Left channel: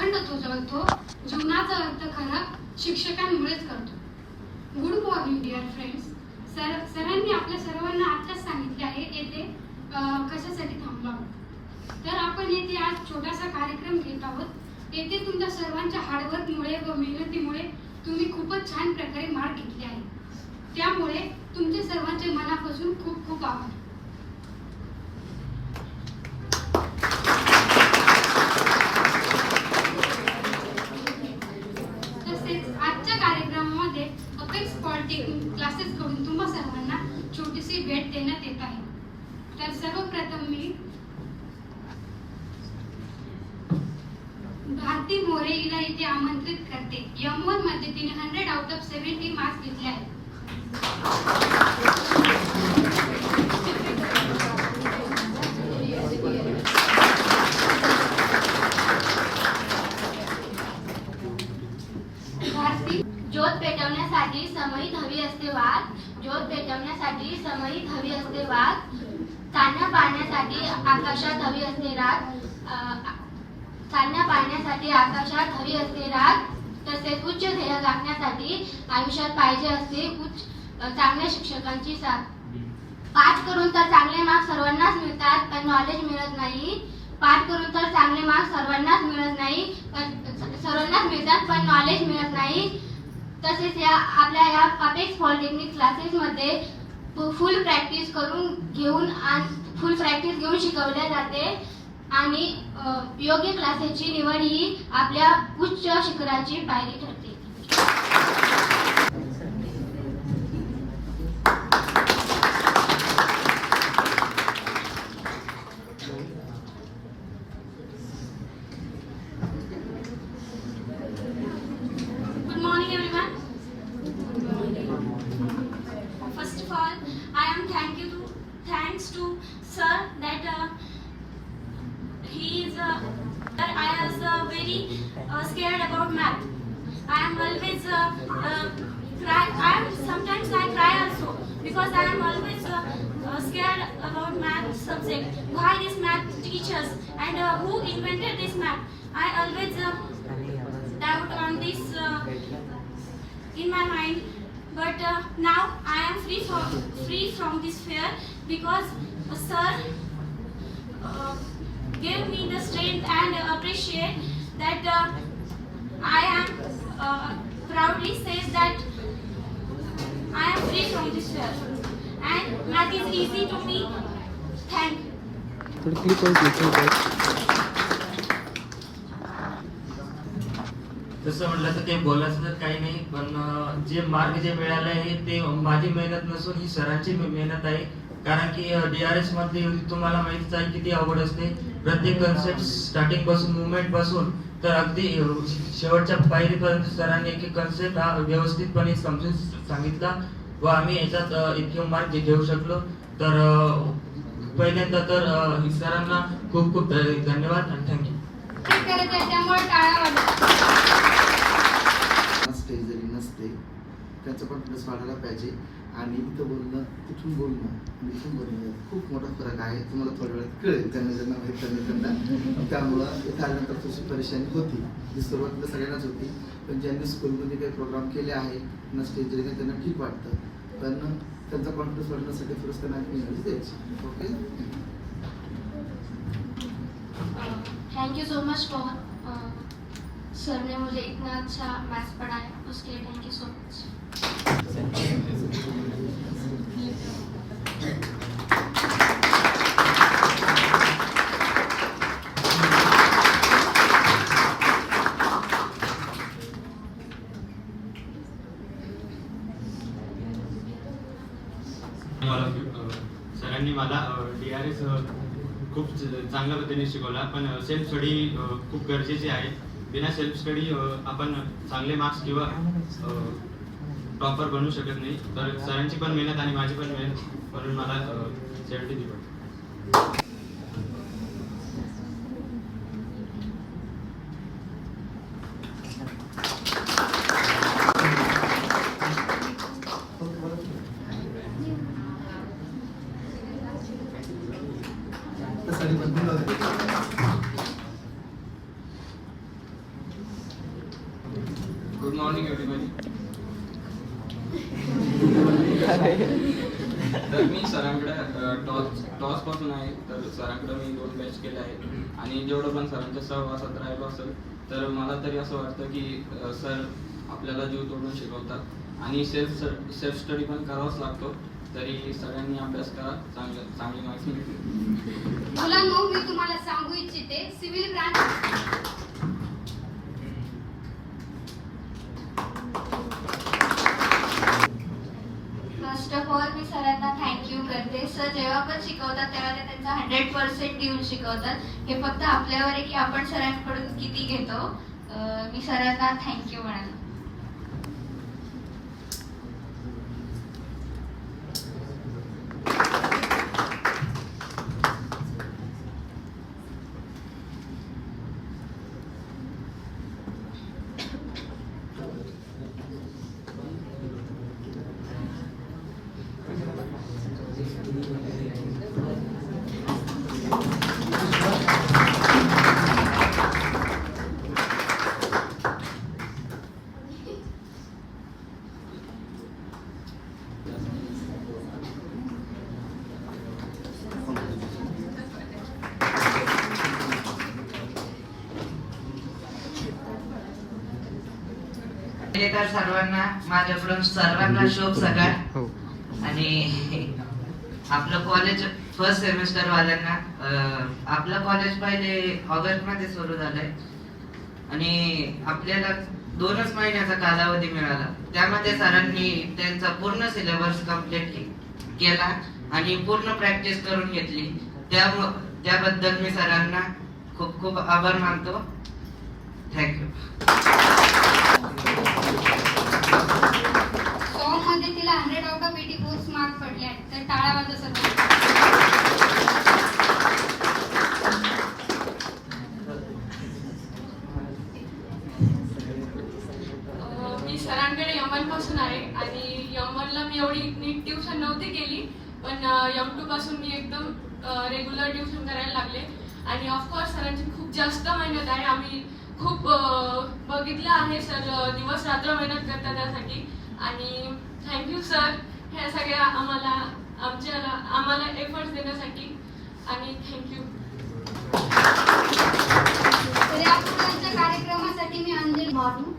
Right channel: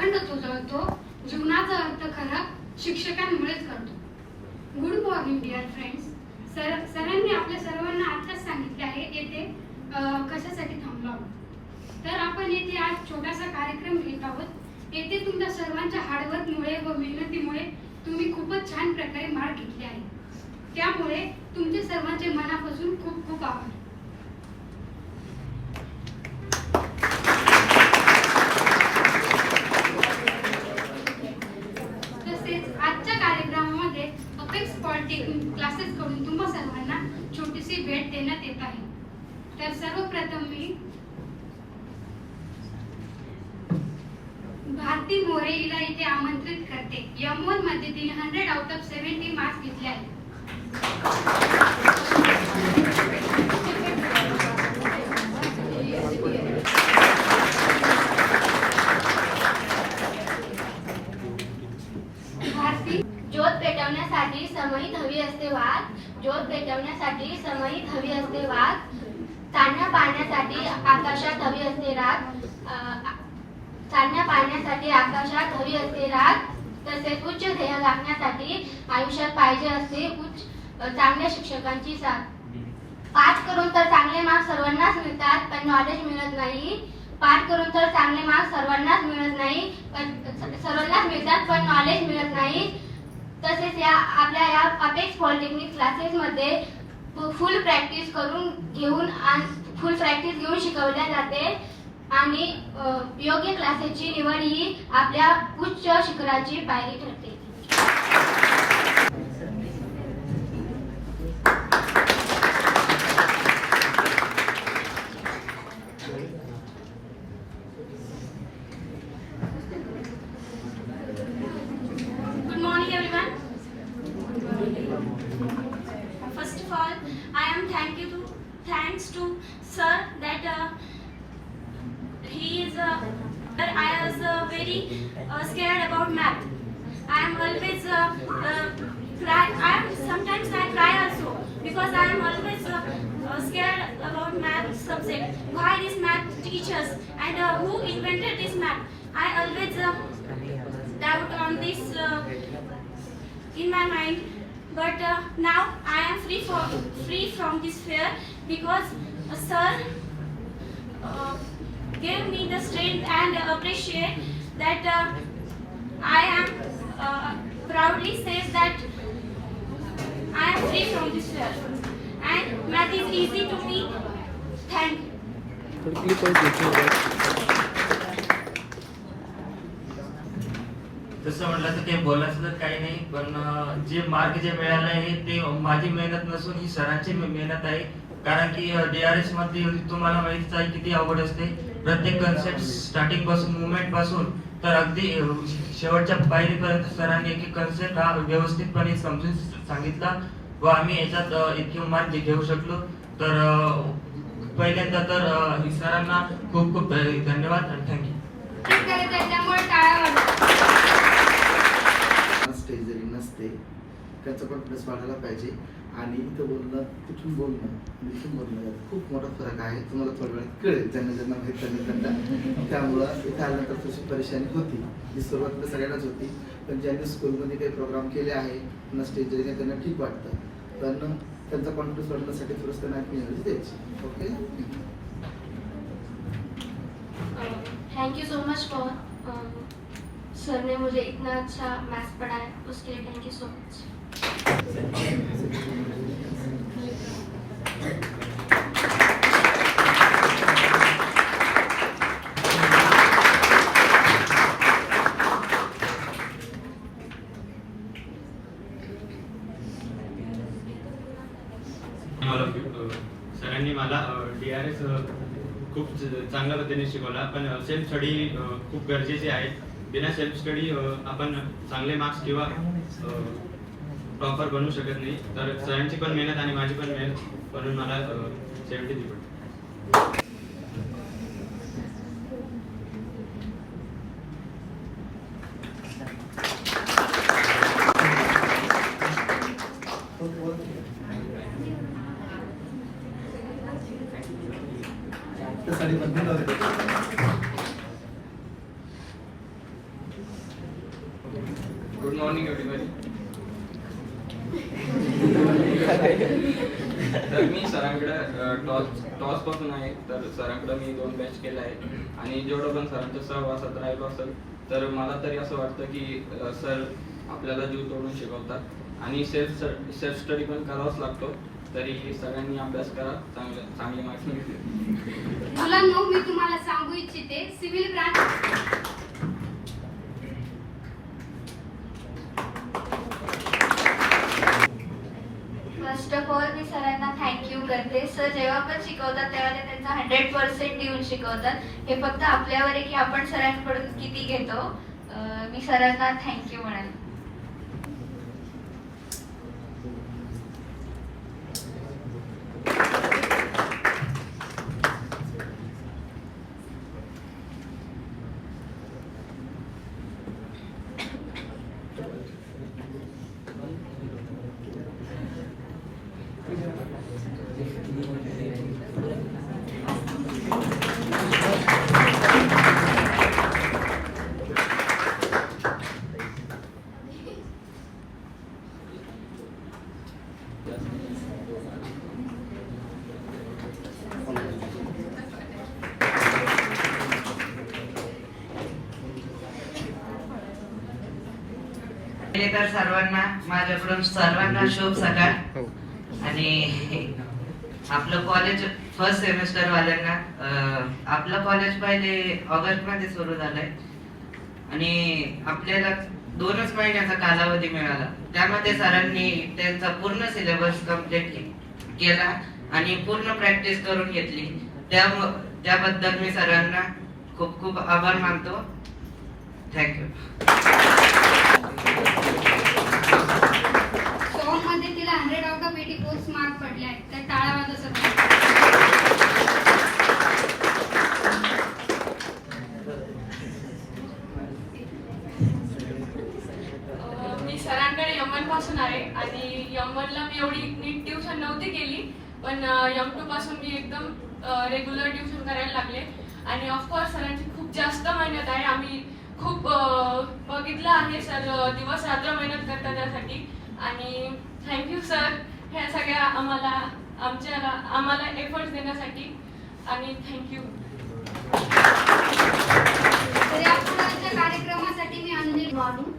अखंड तो जळतो, जीवनाचा अर्थ खरा शिक्षकांमुळेच करतो. Good morning dear friends. सरांनी आपल्या सर्वांना आताच सांगितले आहे येथे कशासाठी थांबलो आहोत. तर आपण येथे आज छोटासा कार्यक्रम घेत आहोत. येथे तुमच्या सर्वांच्या हार्डवर्कमुळे व मेहनतीमुळे तुम्ही खूपच छान प्रकारे मार्क घेतले आहे. त्यामुळे तुमचे सर्वांचे मनापासून खूप खूप आभार. तसेच आजच्या कार्यक्रमामध्ये अपेक्स पॉलिटेक्निक क्लासेस कडून तुम्हा सर्वांना छोटीशी भेट देण्यात येत आहे. तर सर्वप्रथम मी भारती मोरे हिला इथे आमंत्रित करते. M1 मध्ये तिने 100 आउट ऑफ 70 मार्क्स घेतले आहेत. ज्योत पेटवण्यासाठी समयित हवी असते वाद. ज्योत पेटवण्यासाठी समयित हवी असते वाद. चांदण्या पाहण्यासाठी आकाशात हवी असते रात. चांदण्या पाहण्यासाठी आकाशात हवी असते रात. तसेच उच्च ध्येय गाठण्यासाठी आयुष्यात पाहिजे असते चांगल्या शिक्षकांची साथ. पाठ करून तर चांगले मार्क्स सर्वांनाच मिळतात, पण नॉलेज मिळत नाही. पाठ करून तर चांगले मार्क्स सर्वांनाच मिळत नाही, पण सर्वांनाच मिळतात, पण नॉलेज मिळत नाही. तसेच आपल्या या अपेक्स पॉलिटेक्निक क्लासेस मध्ये फुल प्रॅक्टिस घेऊन शिकवल्या जाते आणि योग्य क्लासेसची निवड ही आपल्या उच्च शिखराची पायरी ठरते. Good morning everyone. First of all, I am thanks to sir that he is I was very scared about math. I am always cry. Sometimes I cry also because I am always scared about math subject. Why this math teachers and who invented this math? I always doubt on this in my mind. But now I am free from this fear because sir gave me the strength and appreciate that I am proudly says that I am free from this fear and math is easy to me. Thank you. तसं म्हटलं तर ते बोलायचं तर काही नाही, पण जे मार्क जे मिळाले आहे ते माझी मेहनत नसून ही सरांची मेहनत आहे. कारण की DRS मध्ये तुम्हाला माहितीच आहे किती अवघड असते. प्रत्येक कन्सेप्ट स्टार्टिंग पासून मुवमेंट पासून तर अगदी शेवटच्या पायरीपर्यंत सरांनी एक कन्सेप्ट हा व्यवस्थितपणे समजून सांगितला व आम्ही याच्यात इतके मार्क घेऊ शकलो. तर पहिल्यांदा तर सरांना खूप खूप धन्यवाद आणि थँक्यू. स्टेज जरी नसते त्याचा कॉन्फिडन्स वाढायला पाहिजे. आणि इथं बोलणं तिथून बोलणं आणि इथून बोलणं यात खूप मोठा फरक आहे. तुम्हाला थोड्या वेळात कळेल ज्यांना माहीत त्यांना. त्यामुळं इथं आल्यानंतर थोडीशी परेशानी होती. ही सुरुवातीला सगळ्यांनाच होती, पण ज्यांनी स्कूलमध्ये काही प्रोग्राम केले आहे ना स्टेज जरी त्यांना ठीक वाटतं, पण त्यांचा कॉन्फिडन्स वाढण्यासाठी थोडंसं त्यांना एनर्जी द्यायची. Okay, thank you so much for sir ने मुझे इतना अच्छा मैथ्स पढ़ाया, उसके लिए थैंक यू सो मच. सरांनी मला DRS खूप चांगल्या पद्धतीने शिकवला, पण सेल्फ स्टडी खूप गरजेचे आहे. बिना सेल्फ स्टडी आपण चांगले मार्क्स किंवा टॉपर बनू शकत नाही. तर सरांची पण मेहनत आणि माझी पण मेहनत म्हणून मला 70 दिली. Morning everybody. तर मी सरांकडे टॉस पासून आहे. तर सरांकडे मी 2 बॅच केले आहेत आणि जेवढं पण सरांच्या सहवासात राहिलो असेल तर मला तरी असं वाटतं की सर आपल्याला जीव तोडून शिकवतात आणि सेल्फ स्टडी पण करावाच लागतो. तरी सगळ्यांनी अभ्यास करा, चांगले मार्क्स मिळतील. मुलांनो, मी तुम्हाला सांगू इच्छिते civil branch first of all मी सरांना थँक्यू करते. सर जेव्हा पण शिकवतात तेव्हा ते त्यांचा 100% देऊन शिकवतात. हे फक्त आपल्यावर आहे की आपण सरांकडून किती घेतो. मी सरांना थँक्यू म्हणाल. तर सर्वांना माझ्याकडून सर्वांना शुभ सकाळ. आणि आपलं कॉलेज फर्स्ट सेमिस्टर वाल्यांना आपलं कॉलेज पहिले ऑगस्ट मध्ये सुरू झालंय आणि आपल्याला 2च महिन्याचा कालावधी मिळाला. त्यामध्ये सरांनी त्यांचा पूर्ण सिलेबस कंप्लीट केला आणि पूर्ण प्रॅक्टिस करून घेतली. त्याबद्दल मी सरांना खूप खूप आभार मानतो. थँक्यू. सॉन्ग मध्ये तिला 100 आउट ऑफ 84 मार्क पडले आहेत. तर टाळा वाजवा सर. मी सरांकडे यमन पासून आहे आणि यमनला मी एवढी नीट ट्युशन नव्हती केली, पण M2 पासून मी एकदम रेग्युलर ट्युशन करायला लागले. आणि ऑफकोर्स सरांची खूप जास्त मेहनत आहे. आम्ही खूप बघितलं आहे, सर दिवस रात्र मेहनत करतात त्यासाठी. आणि थँक्यू सर ह्या सगळ्या आम्हाला एफर्ट्स देण्यासाठी. आणि थँक्यू. तर या पुढच्या कार्यक्रमासाठी मी अंजली. मॉर्निंग.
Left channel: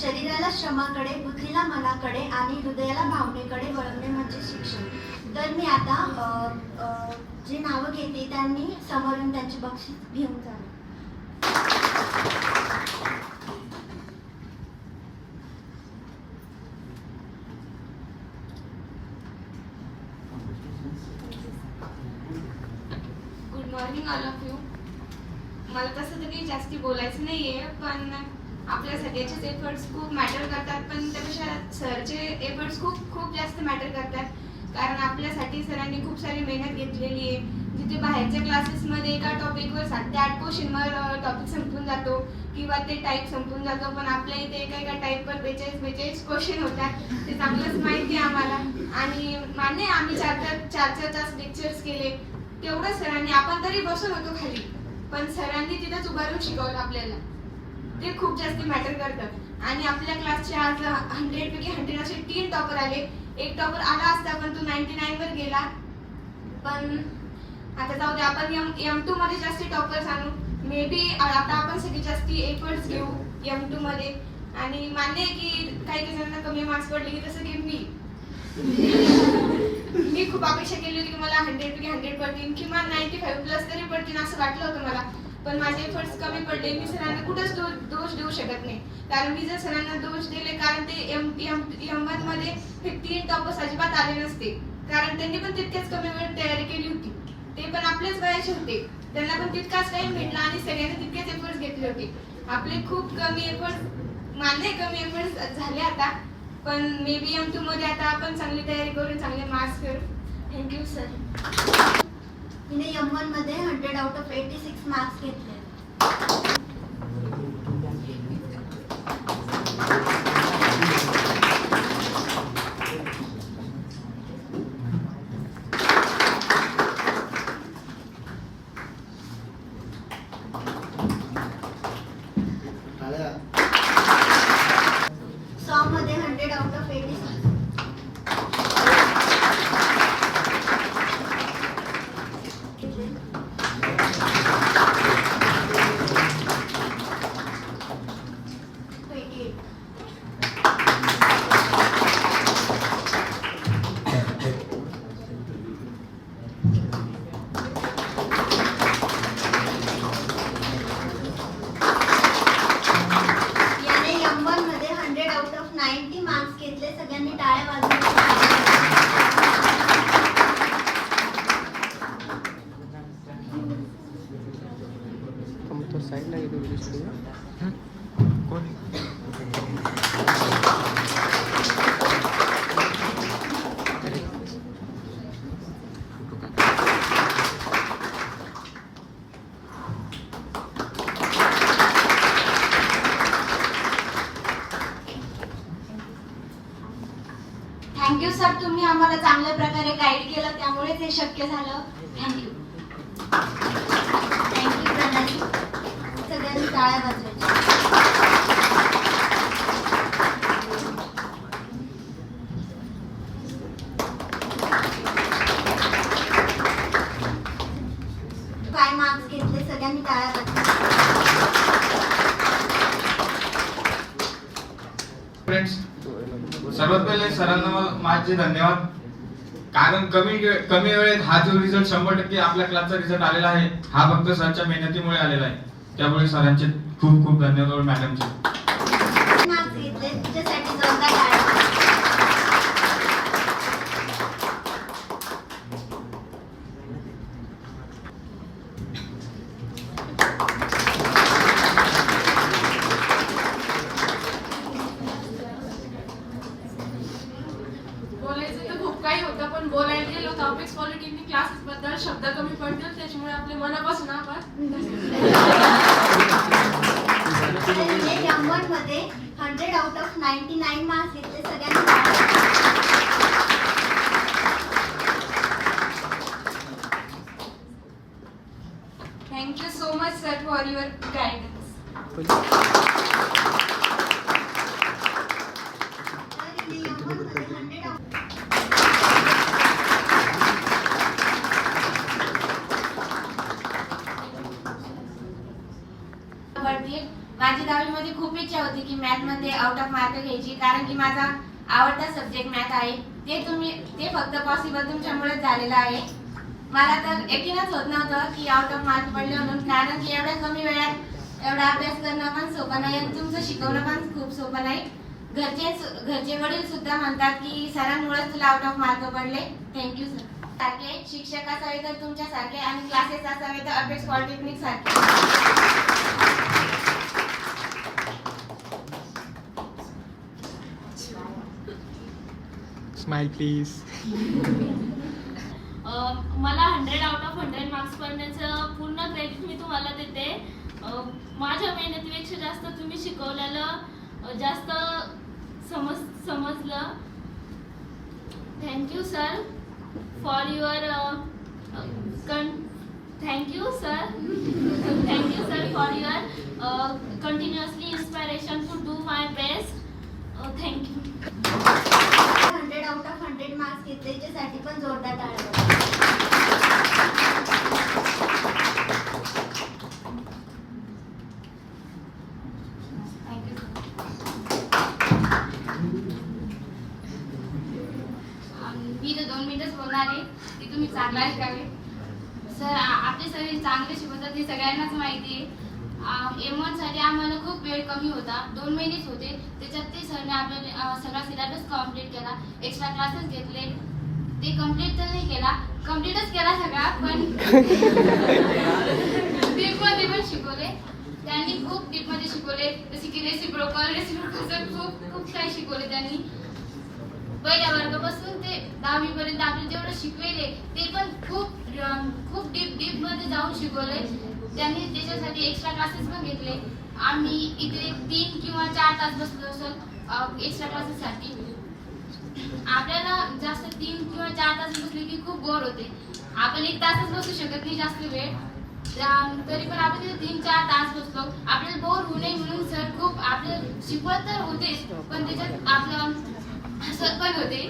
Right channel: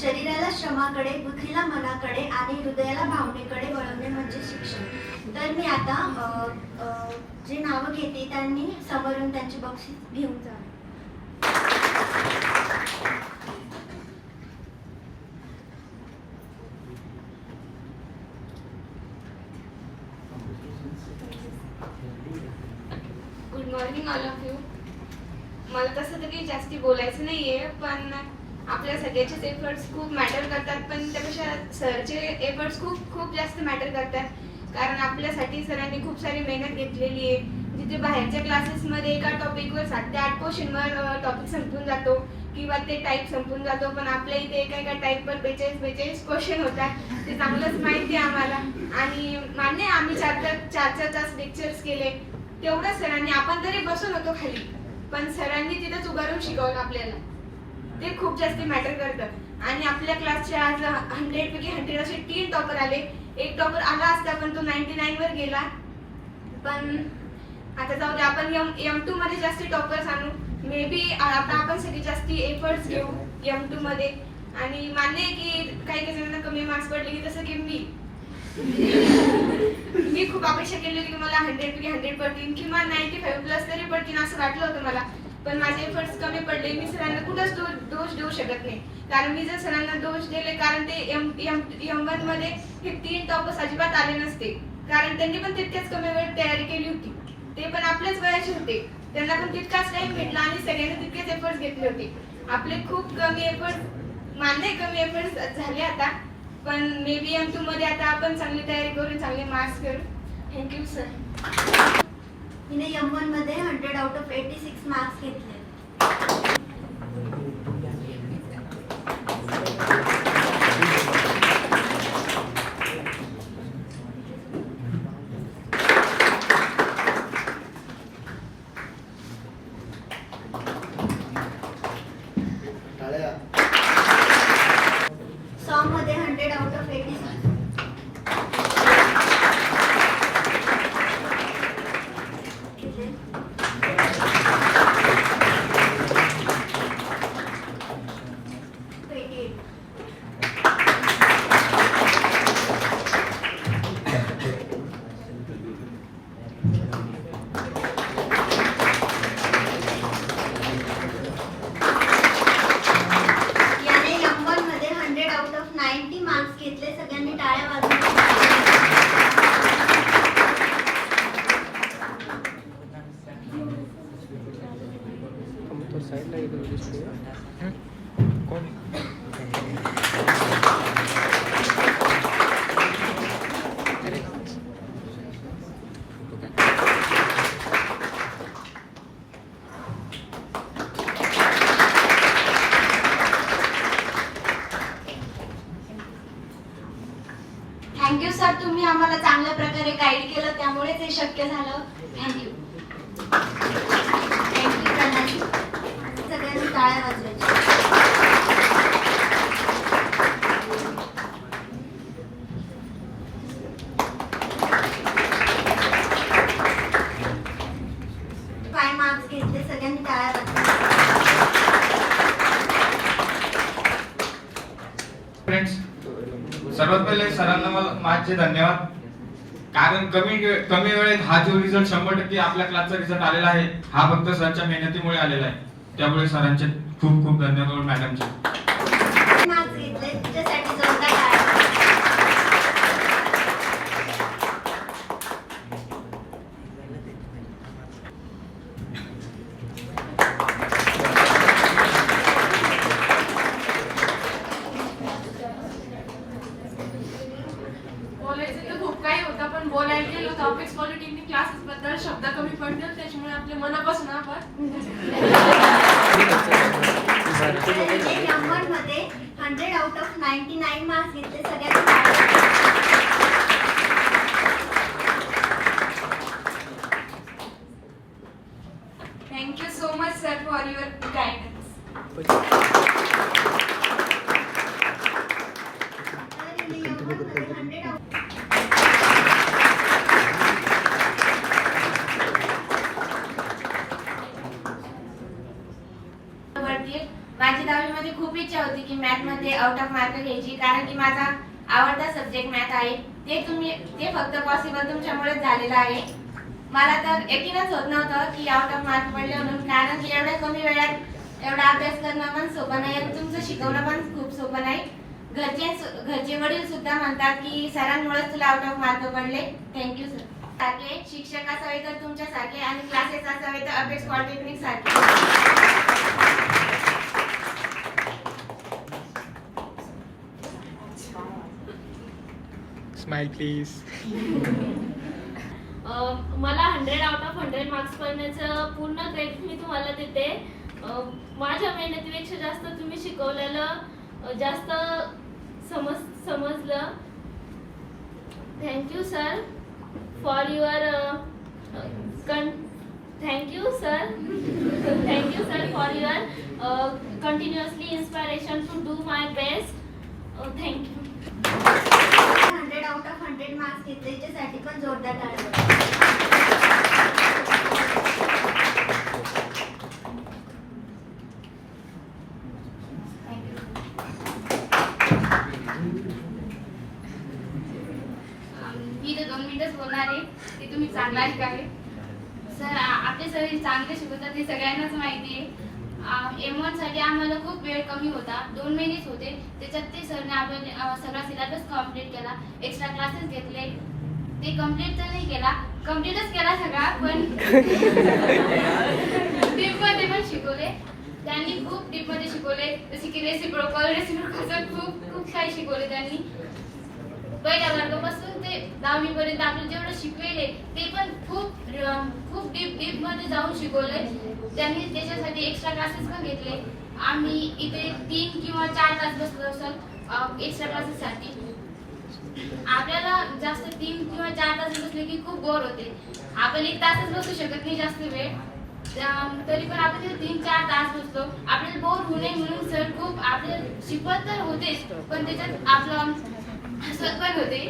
शरीराला श्रमाकडे, बुद्धीला मनाकडे आणि हृदयाला भावनेकडे वळवणे म्हणजे शिक्षण. तर मी आता जे नावं घेते त्यांनी समोर येऊन त्यांची बक्षीस घेऊन जावे. Good morning all of you. मला तसं तर काही जास्ती बोलायचं नाहीये, पण आपल्या सगळ्याचेच एफर्ट्स खूप मॅटर करतात, पण त्यापेक्षा सरचे एफर्ट्स खूप जास्त मॅटर करतात. कारण आपल्यासाठी सरांनी खूप सारी मेहनत घेतलेली आहे. जिथे बाहेरच्या क्लासेसमध्ये एका टॉपिकवर 7 ते 8 क्वेश्चनवर टॉपिक संपून जातो किंवा ते टाईप संपून जातो, पण आपल्या इथे एका टाईपवर 42 क्वेश्चन होतात. ते चांगलंच माहिती आहे आम्हाला. आणि मान्य आम्ही 4 तास लेक्चर्स केले. तेवढं सरांनी, आपण तरी बसून होतो खाली, पण सरांनी तिथंच उभारून शिकवलं आपल्याला. ते खूप जास्त मॅटर करतं. आणि आपल्या क्लासचे आज 100 पैकी 100 असे 3 टॉपर आले. एक टॉपर आला असता पण तो 99 वर गेला. पण आता जाऊ दे, आपण M2 मध्ये जास्ती टॉपर्स आणू. मे बी आता आपण सगळी जास्ती एफर्ट्स घेऊ M2 मध्ये. आणि मान्य आहे की काही जणांना कमी मार्क्स पडले, की जसं की मी खूप अपेक्षा केली होती की मला 100 पैकी 100 पडतील किंवा 95 प्लस तरी पडतील असं वाटलं होतं मला. पण माझे एफर्ट्स कमी पडले. मी सरांना कुठंच दोष देऊ शकत नाही. कारण मी जर सरांना दोष दिले, कारण ते M1 मध्ये हे 3 टॉपर्स अजिबात आले नसते. कारण त्यांनी पण तितकेच कमी वेळ तयारी केली होती. ते पण आपल्याच वयाचे होते. त्यांना पण तितकाच टाइम भेटला आणि सगळ्यांनी तितकेच एफर्ट्स घेतले होते. आपले खूप कमी एफर्ट्स, मान्य कमी एफर्ट्स झाले आता, पण मे बी M2 मध्ये आता आपण चांगली तयारी करून चांगले मार्क्स करू. Thank you sir. हिने M1 मध्ये 100 आउट ऑफ 86 मार्क्स घेतले. टाळ्या. थँक्यू सर, तुम्ही आम्हाला चांगल्या प्रकारे गाईड केलं, त्यामुळेच हे शक्य झालं. थँक्यू. थँक्यू प्रणाली. सगळ्यांनी टाळ्या वाजवायच्या. काय मार्क्स घेतले, सगळ्यांनी टाळ्या वाजवायच्या. फ्रेंड्स, सर्वात पहिले सरांना माझे धन्यवाद. कारण कमी वेळेत हा जो रिझल्ट 100% आपल्या क्लासचा रिझल्ट आलेला आहे, हा फक्त सरांच्या मेहनतीमुळे आलेला आहे. त्यामुळे सरांचे खूप खूप धन्यवाद. मॅडमचे मार्क्स घेतले त्याच्यासाठी जोरदार टाळ्या. बोलायचं तर खूप काही होतं, पण बोलायला गेलो तर अपेक्स पॉलिटेक्निक क्लासेस बद्दल शब्द कमी पडतात, त्याच्यामुळे आपल्या मनापासून आभार. मध्ये 100 आउट ऑफ 99 मार्क्स घेतले, सगळ्यांनी टाळ्या. Thank you so much, sir, for your guidance. माझी 10वी मध्ये खूप इच्छा होती की मॅथ मध्ये आउट ऑफ मार्क घ्यायची, कारण की माझा आवडता सब्जेक्ट मॅथ आहे. ते फक्त पॉसिबल तुमच्यामुळेच झालेलं आहे. मला तर यकीनच होत नव्हतं की आउट ऑफ मार्क पडले म्हणून, कारण की एवढ्या कमी वेळात एवढा अभ्यास करणं पण सोपं नाही आणि तुमचं शिकवणं पण खूप सोपं नाही. घरचे वडील सुद्धा म्हणतात की सरांमुळेच तुला आउट ऑफ मार्क पडले. Thank you sir. सारखे शिक्षक असावे तर तुमच्यासारखे आणि क्लासेस असावे तर अपेक्स पॉलिटेक्निक सारखे. Smile please. मला 100 आउट ऑफ 100 मार्क्स पडण्याचं पूर्ण क्रेडिट मी तुम्हाला देते. माझ्या मेहनतीपेक्षा जास्त तुम्ही शिकवलेलं जास्त समजलं. Thank you sir for your thank you sir for your continuously inspiration to do my best. Thank you. 100 out of 100 marks घेतले, याच्यासाठी पण जोरदार टाळ्या. मी तर 2 मिनिटच बोलणार आहे, ते तुम्ही चांगलं ऐकावे. सर, आपले सर चांगले शिकवतात हे सगळ्यांनाच माहिती आहे. M1 साठी आम्हाला खूप वेळ कमी होता, 2 महिनेच होते. त्याच्यात ते सरने आपल्याला सगळा सिलेबस कम्प्लीट केला, एक्स्ट्रा क्लासेस घेतले. ते कम्प्लीट तर नाही केला, कम्प्लीटच केला सगळा, पण डीपमध्ये पण शिकवले. त्यांनी खूप डीपमध्ये शिकवले, जसे की रेसिप्रोकल खूप काही शिकवले त्यांनी. पहिल्या वर्गापासून ते 10वी पर्यंत आपल्याला जेवढं शिकवले ते पण खूप डीप मध्ये जाऊन शिकवले त्यांनी. त्याच्यासाठी एक्स्ट्रा क्लासेस पण घेतले. आम्ही इथे 3 किंवा 4 तास बसलो असेल एक्स्ट्रा क्लासेससाठी. आपल्याला जास्त 3 किंवा 4 तास बसले की खूप बोर होते. आपण 1 तासच बसू शकत नाही जास्त वेळ, तरी पण आपण तिथे 3-4 तास बसतो. आपल्याला बोर होऊ नये म्हणून सर खूप आपल्याला शिकवत तर होतेच, पण त्याच्यात आपलं हसत पण होते.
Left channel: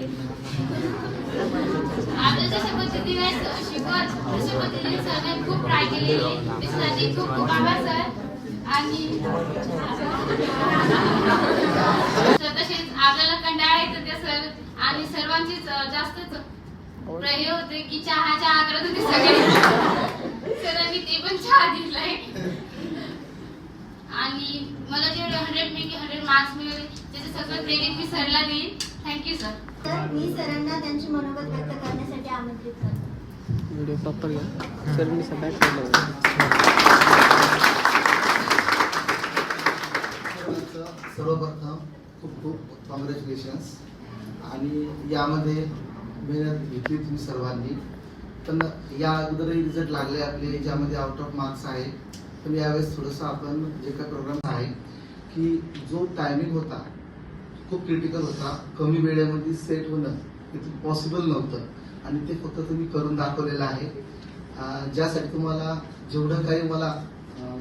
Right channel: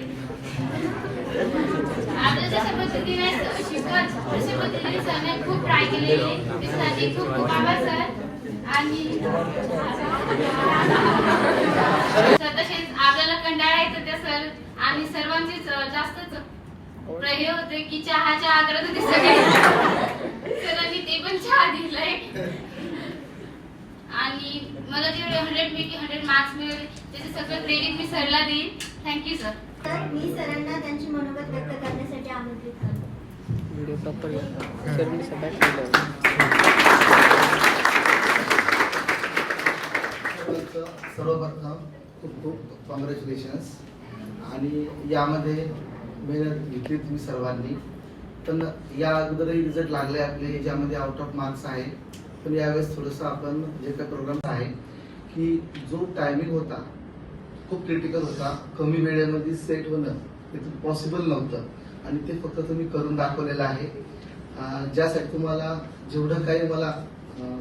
आपल्या जशा पद्धतीने शिकवत तशा पद्धतीने सरने खूप ट्राय केलेले, त्याच्यासाठी खूप खूप आभार सर. आणि तसेच आपल्याला कंटाळा येतो त्या सर आणि सर्वांचेच जास्तच प्रयोग होते की चहा करत होते सगळे. सरांनी ते पण चहा दिलाय. आणि मला जेवढे 100 पैकी 100 मार्क्स मिळाले त्याचं सगळं क्रेडिट मी सरला देईन. Thank you sir. तर मी सरांना त्यांचे मनोगत व्यक्त करण्यासाठी आमंत्रित करतो. व्हिडिओ प्रॉपर घ्या. सर मी सगळ्यात सर्वप्रथम खूप खूप कॉंग्रॅच्युलेशन्स. आणि यामध्ये मेहनत घेतली तुम्ही सर्वांनी, पण या अगोदरही रिझल्ट लागले आपले याच्यामध्ये आउट ऑफ मार्क्स आहे. पण यावेळेस थोडंसं आपण जे काही प्रोग्राम आहे की जो टायमिंग होता खूप क्रिटिकल होता, कमी वेळेमध्ये सेट होणं ते पॉसिबल नव्हतं आणि ते फक्त तुम्ही करून दाखवलेलं आहे. ज्यासाठी तुम्हाला जेवढं काही मला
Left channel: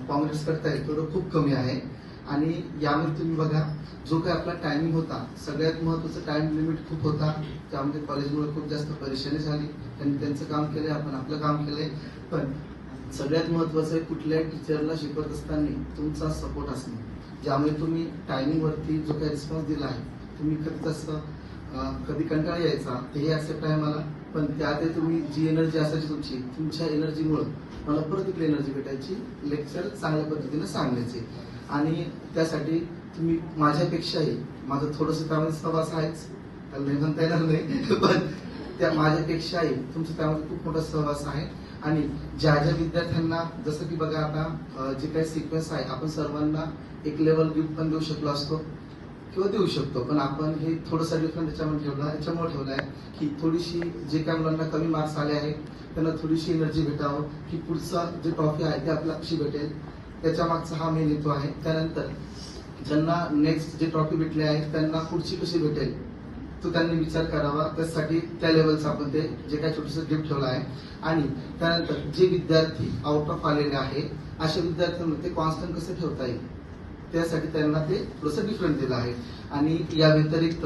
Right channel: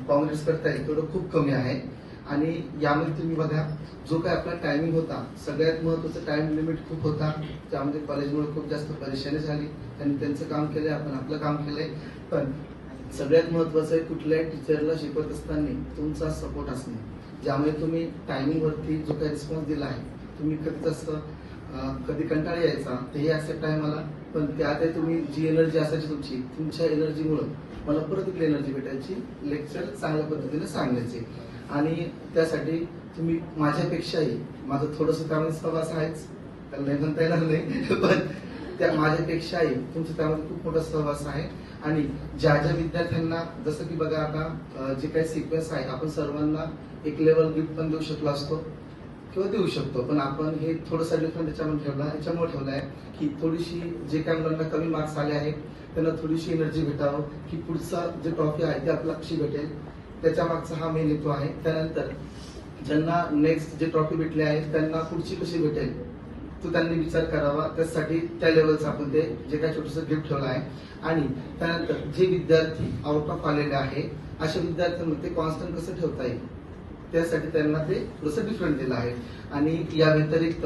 काँग्रेस करता येईल तेवढं खूप कमी आहे. आणि यामध्ये तुम्ही बघा जो काही आपला टायमिंग होता, सगळ्यात महत्त्वाचं टाइम लिमिट खूप होता. त्यामध्ये कॉलेजमुळे खूप जास्त परेशानी झाली. त्यांनी त्यांचं काम केलंय, आपण आपलं काम केलंय. पण सगळ्यात महत्त्वाचं आहे कुठल्याही टीचरला शिकवत असताना तुमचा सपोर्ट असणे. ज्यामुळे तुम्ही टायमिंगवरती जो काही रिस्पॉन्स दिला आहे, तुम्ही कधी तसं कधी कंटाळा यायचा तेही ऍक्सेप्ट आहे मला, पण त्यात तुम्ही जी एनर्जी असायची तुमच्या एनर्जीमुळं मला परत इकडे एनर्जी भेटायची, लेक्चर चांगल्या पद्धतीने सांगायचे. आणि त्यासाठी तुम्ही माझ्यापेक्षाही, माझं थोडंसं त्यामध्ये सहवास आहेच, त्याला नाही म्हणता येणार नाही, पण त्या माझ्यापेक्षाही तुमचं त्यामध्ये खूप मोठा सहवास आहे. आणि ज्या ज्या विद्यार्थ्यांना जसं की बघा आता जे काही सिक्वेन्स आहे, आपण सर्वांना एक लेवल गिफ्ट पण देऊ शकलो असतो किंवा देऊ शकतो, पण आपण हे थोडंसं डिफरंट याच्यामुळे ठेवलं आहे की थोडीशी जे काही मुलांना कमी मार्क्स आले आहेत त्यांना थोडीशी एनर्जी भेटावं की पुढचा जे ट्रॉफी आहे ते आपल्याला कशी भेटेल, त्याच्या मागचा हा मेन हेतू आहे. त्यानंतर ज्यांना नेक्स्ट जे ट्रॉफी भेटले आहे त्यांना पुढची कशी भेटेल तो त्यांनी विचार करावा. त्यासाठी त्या लेवलचं आपण ते जे काही छोटंसं गिफ्ट ठेवलं आहे. आणि त्यानंतर जे विद्यार्थी आउट ऑफ आलेले आहे अशा विद्यार्थ्यांमध्ये कॉन्स्टंट कसं ठेवता येईल त्यासाठी त्यांना ते थोडंसं डिफरंट दिलं आहे. आणि या व्यतिरिक्त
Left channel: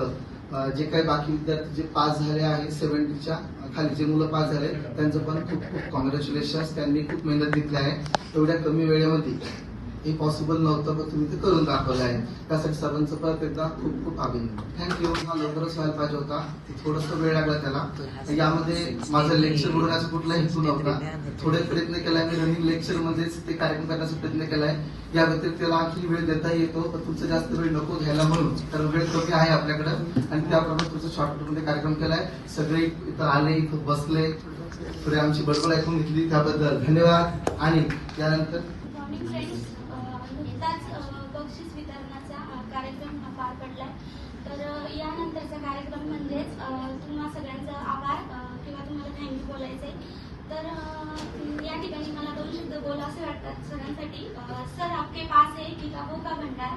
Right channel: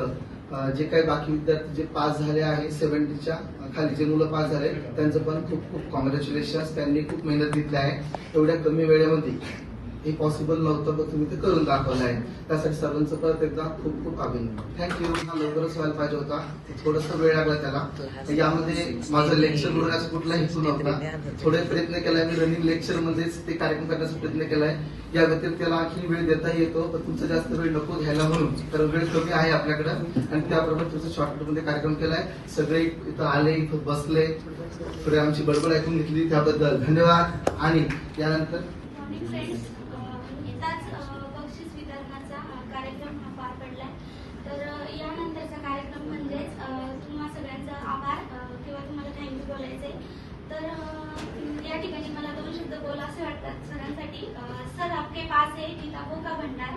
जे काही बाकी विद्यार्थी जे पास झाले आहे 70च्या खाली जे मुलं पास झाले त्यांचं पण खूप खूप कॉंग्रॅच्युलेशन्स. त्यांनी खूप मेहनत घेतली आहे. एवढ्या कमी वेळेमध्ये हे पॉसिबल नव्हतं, पण तुम्ही ते करून दाखवलं आहे. त्यासाठी सर्वांचं परत एकदा खूप खूप अभिनंदन. थँक्यू. हा लवकरच व्हायला पाहिजे होता, थोडंसं वेळ लागला त्याला. यामध्ये माझं लेक्चर बोलण्याचा कुठला हेतू नव्हता. थोडे प्रयत्न केलाय मी रनिंग लेक्चर मध्येच ते कार्यक्रम करण्याचा प्रयत्न केलाय. या व्यतिरिक्त त्याला आणखी वेळ देता येतो, पण तुमचा जास्त वेळ नको घ्यायला म्हणून, कारण वेळ कमी आहे आपल्याकडे आणि त्याप्रमाणे तुमचा शॉर्टकट मध्ये कार्यक्रम केलाय. सगळे इथं आले, इथं बसले, थोडी आमची बडबड ऐकून घेतली त्याबद्दल धन्यवाद. आणि यानंतर बक्षीस वितरणाचा कार्यक्रम पार पडलाय. तर यानंतरचा कार्यक्रम म्हणजेच तुम्हा सगळ्यांचा आभार किंवा तुम्हाला थँक्यू बोलायचे. तर या ठिकाणी मला 2 शब्द बोला असे वाटतात सरांसाठी. सर आपके पास है किताबों का भंडार,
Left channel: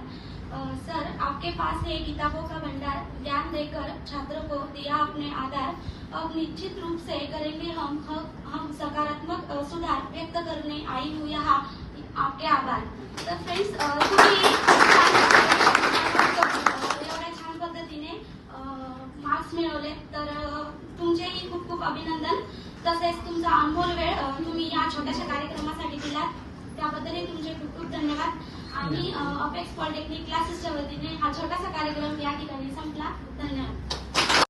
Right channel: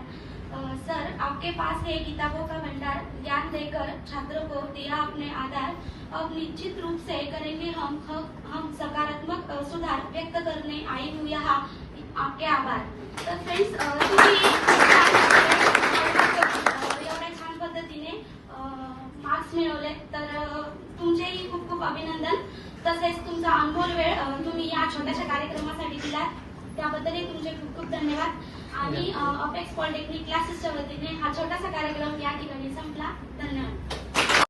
सर आपके पास है किताबों का भंडार, ज्ञान देकर छात्रों को दिया अपने आधार, अब निश्चित रूप से करेंगे हम सकारात्मक सुधार, व्यक्त करने आई हूँ यहाँ आपके आभार. तर फ्रेंड्स तुम्ही एवढ्या छान पद्धतीने मार्क्स मिळवले तर तुमचेही खूप खूप अभिनंदन. तसेच तुमचा अनमोल वेळ तुम्ही या छोट्याशा कार्यक्रमासाठी दिलात त्याबद्दलही तुमचे खूप खूप धन्यवाद. आणि अपेक्स पॉलिटेक्निक क्लासेसच्या वतीने हा छोटासा कार्यक्रम या ठिकाणी संपला. धन्यवाद.